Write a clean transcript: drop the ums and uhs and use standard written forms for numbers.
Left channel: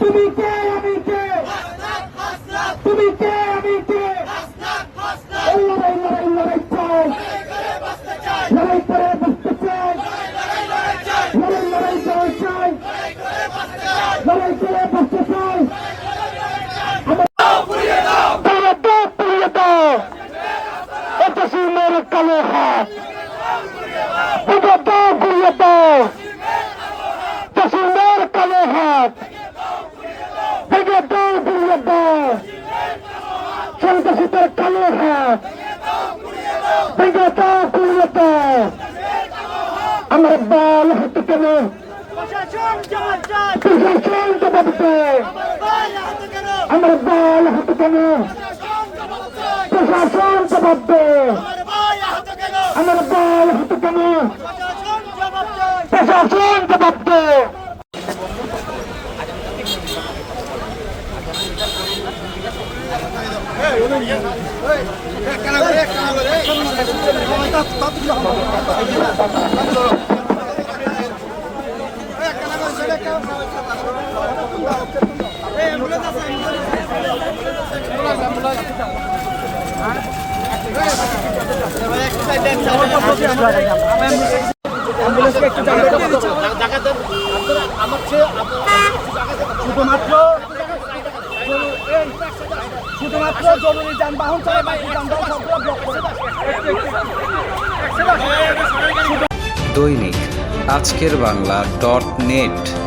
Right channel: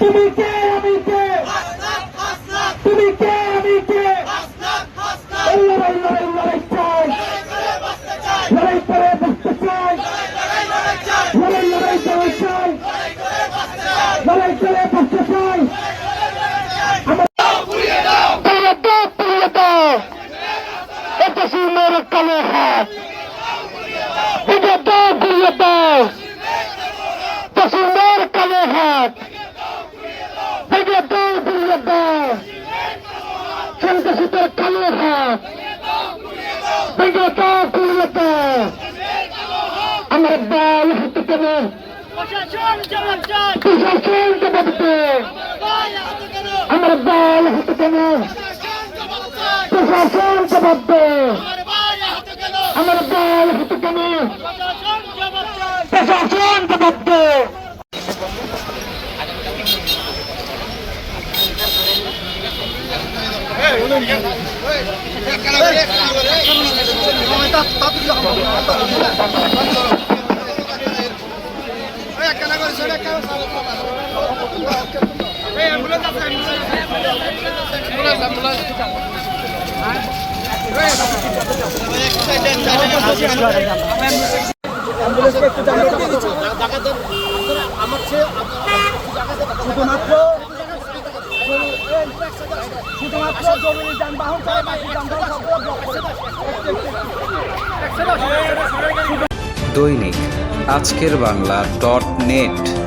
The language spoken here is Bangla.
তুমি কে আমি কে তুমি কে আমি কে লড়াই লড়াই লড়াই চাই লড়াই করে বসতে চাই লড়াই লড়াই করে চাই লড়াই করে বসতে চাই এটা সুন্দর কালো হাত এটা দাও ঘুরিয়ে দাও সুন্দর কালো হাত এটা দাও ঘুরিয়ে দাও সন্ত্রাসীদের কালো হাত এটা দাও ঘুরিয়ে দাও আমার দল হাতে কেন প্রশাসন জবাব দাও আমার দল হাতে কেন প্রশাসন জবাব দাও আমার দল হাতে কেন প্রশাসন জবাব দাও শুধুমাত্র জরুরি যানবাহন দৈনিক আজকের বাংলা .net